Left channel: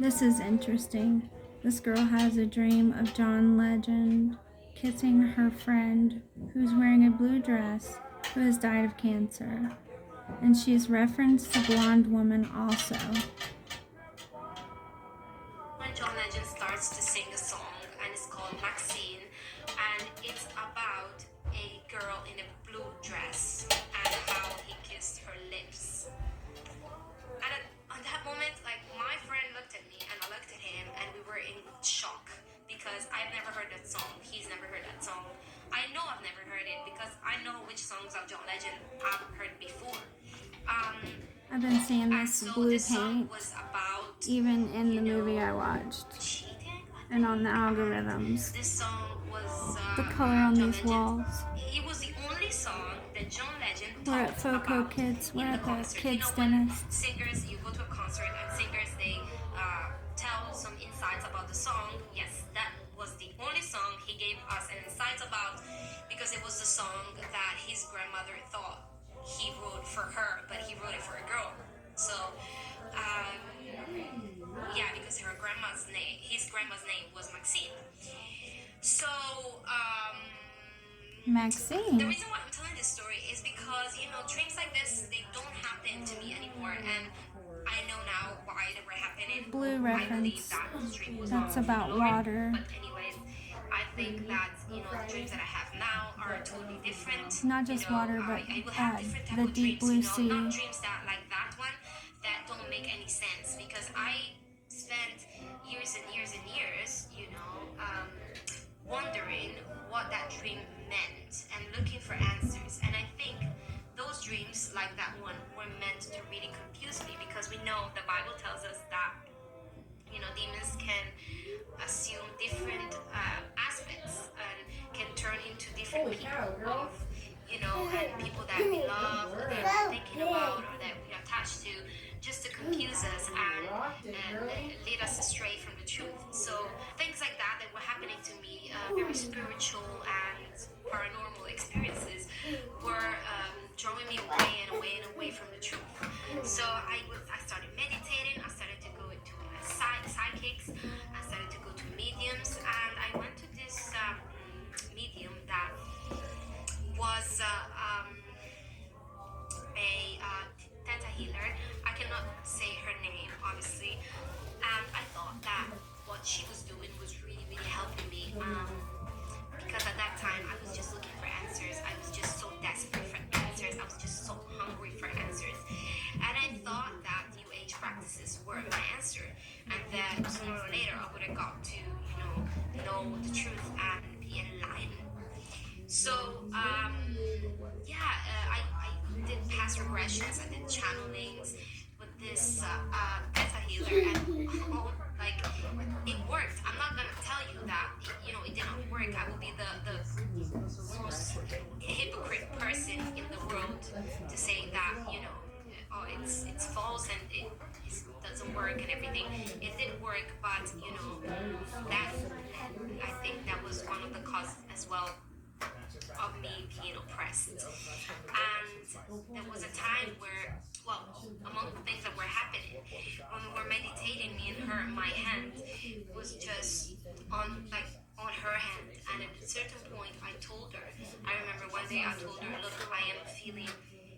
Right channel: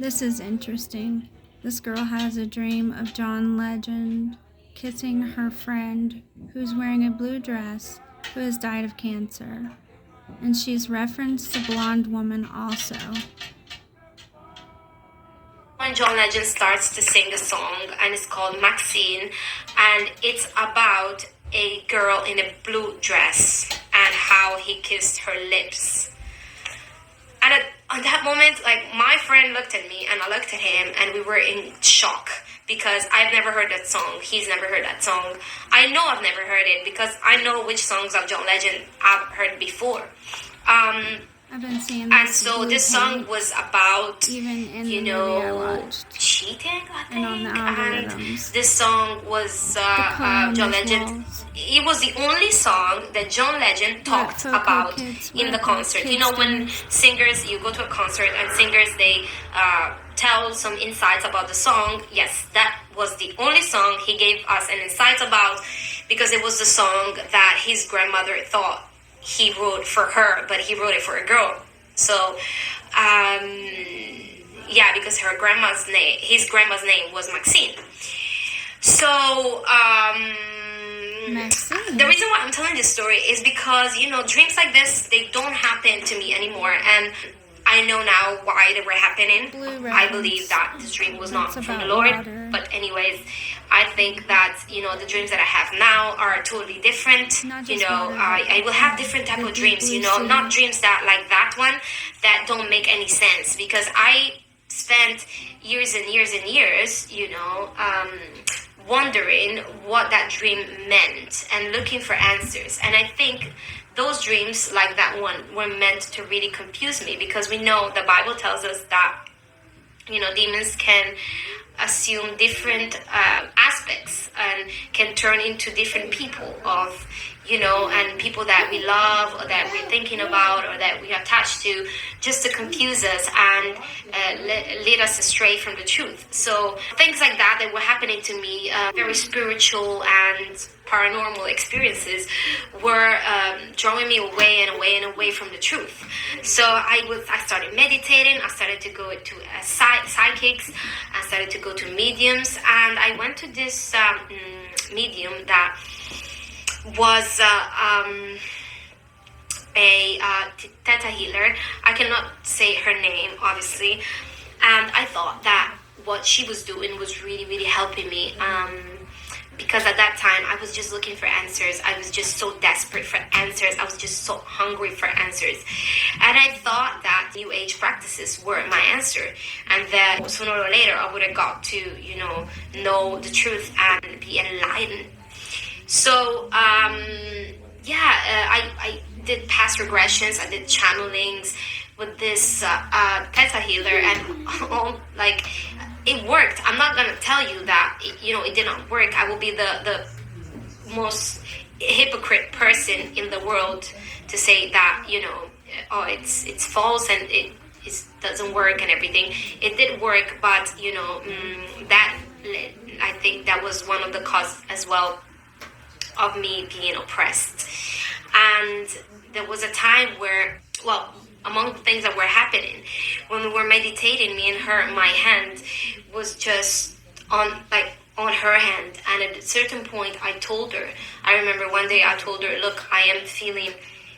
This is interesting. This girl has a dream of John Legend kissing her friend who's wearing a blue dress who has died of cancer. And she's referenced the blonde woman also. When John Legend starts to sing a song, and it's called Maxine, and it's about a girl in a blue dress and how he kissed her lips. And at that moment, like, my friend looked at me and I looked at him, and we were in shock because I've never heard that song. He's never heard that song. I know I've never heard it because I know which songs of John Legend I've heard before. I've been seeing And this so this song was about, even in the movie I watched, cheating, I think. and on the algorithms. And this song was on John these Legend. walls. It was the only song that John Legend talked Foco about Kids in were the at the concert. You kids' know, when dinners. singers, you go to a concert and singers, they tell some insights about the song. Yes, that was the only song he gave us an insight about, because it was the song that his grandmother thought he wrote for her, but he wrote it for a girl. So, yeah, because his grandma's name was Maxine. So, Maxine. the reason why I'm telling this story is because, dreams like this, they don't happen to me anymore. And I know now why they were happening. Blue I reference. believe that this dream was not That's from the about Lord. water. But anyways, I think that, the dreams that I have now are totally different. Not just water, but I will have different type the of dreams, deep blue sea. not dreams that like that one that don't make any sense, because I spent years and years and years, wondering what that dream meant and looking for answers. And I think those dreams like that one were meant to really confuse me, because we know the Bible tells us that demons can assume different aspects and can turn into different people of and people that we love or that we're thinking about or that we attach to, just to confuse us and lead us astray from the truth. So things like that were happening to me, very spiritual and paranormal experiences, were drawing me away and away and away from the truth. So I started meditating. I started to go to psychics. I started to go to mediums, and I went to this medium that was a Theta healer. I cannot say her name, obviously, and I thought that what she was doing was really, really helping me, because at that time I was just looking for answers. I was just so desperate for answers. I was just so hungry for answers, and I thought that New Age practices were my answer, and that sooner or later I would have got to know the truth and be enlightened. So, I did past regressions. I did channelings with this Theta healer, and it worked. I'm not gonna tell you that it did not work. I will be the most hypocrite person in the world to say that it's false and it doesn't work and everything. It did work, but that, I think that was one of the causes as well of me being oppressed. And there was a time where, among the things that were happening when we were meditating, me and her, my hand was just on her hand. And at a certain point I remember one day I told her, look, I am feeling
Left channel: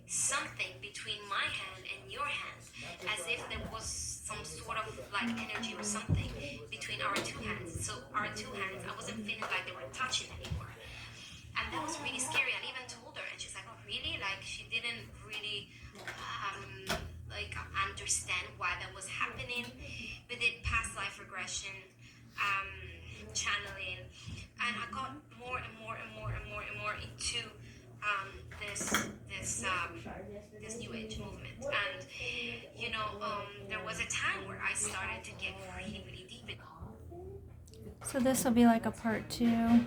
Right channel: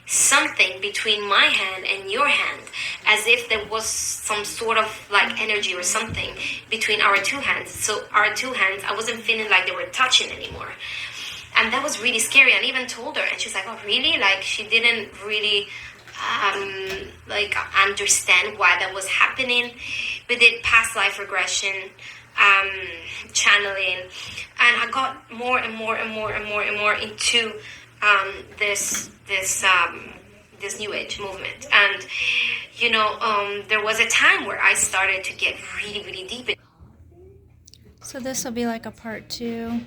something between my hand and your hand, as if there was some sort of energy or something between our two hands. So our two hands, I wasn't feeling like they were touching anymore. And that was really scary. And even told her, and she's like, oh, really? She didn't really understand why that was happening. We did past life regression, channeling, and I got more and more and more and more and more into this New Age movement. And there was a time where I started to get really, really deep. So this will be like a part 2.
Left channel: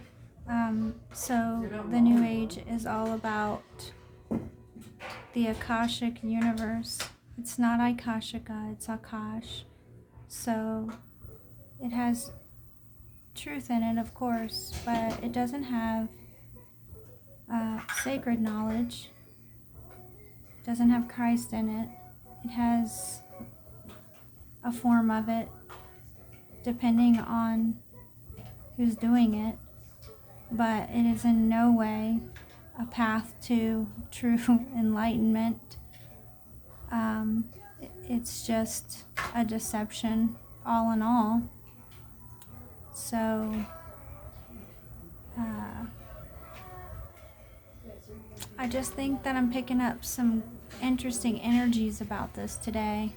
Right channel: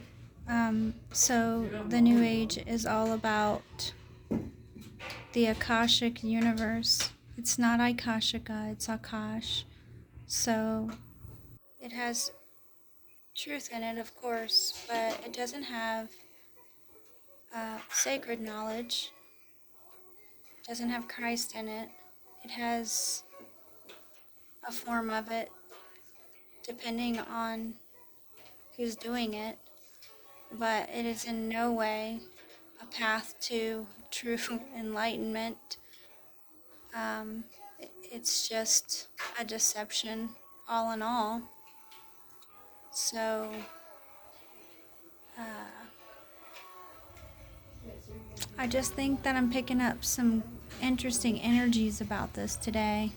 So the New Age is all about the Akashic universe. It's not Akashika, it's Akash. So it has truth in it, of course, but it doesn't have sacred knowledge. It doesn't have Christ in it. It has a form of it, depending on who's doing it, but it is in no way a path to true enlightenment. It's just a deception, all in all. So, I just think that I'm picking up some interesting energies about this today,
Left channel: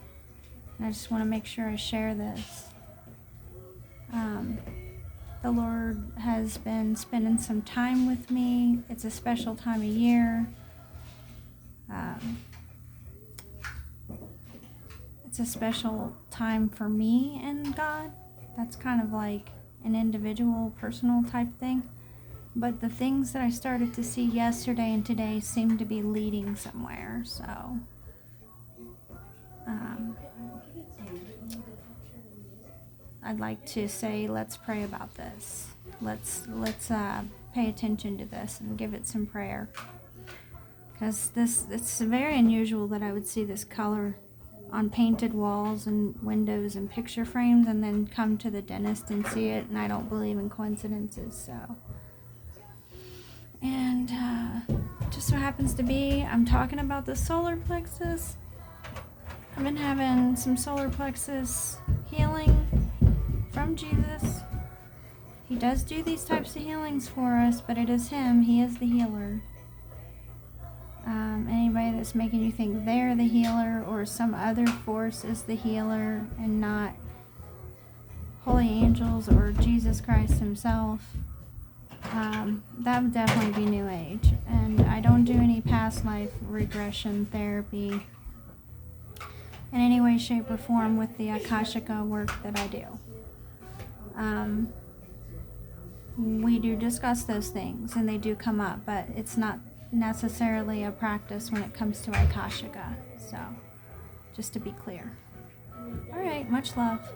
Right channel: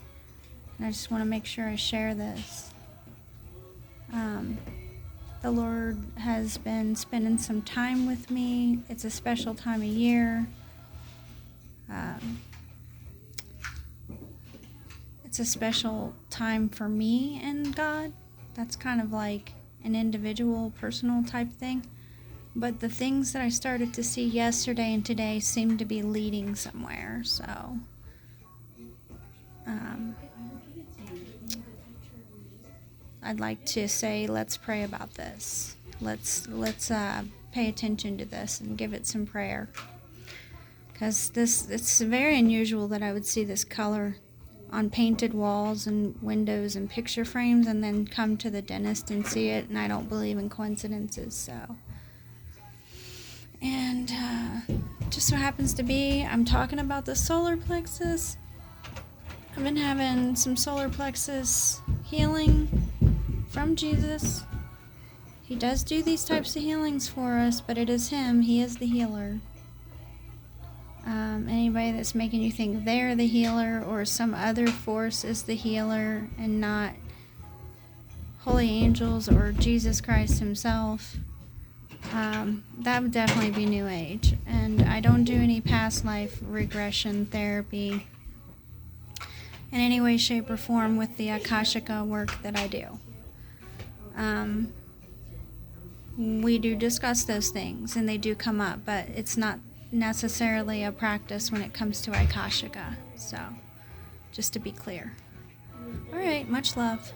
and I just want to make sure I share this. The Lord has been spending some time with me. It's a special time of year. It's a special time for me and God. That's kind of like an individual, personal type thing. But the things that I started to see yesterday and today seem to be leading somewhere. So, I'd like to say, let's pray about this. Let's pay attention to this and give it some prayer. Because it's very unusual that I would see this color on painted walls and windows and picture frames, and then come to the dentist and see it, and I don't believe in coincidences. So, and just so happens to be, I'm talking about the solar plexus. I've been having some solar plexus healing from Jesus. He does do these types of healings for us, but it is Him. He is the healer. Anybody that's making you think they're the healer or some other force is the healer and not holy angels or Jesus Christ Himself, that would definitely be New Age. And I don't do any past life regression therapy in any way, shape, or form with the Akashica work that I do. We do discuss those things and they do come up, but it's not necessarily a practice when it comes to Akashica. So, just to be clear. All right, much love.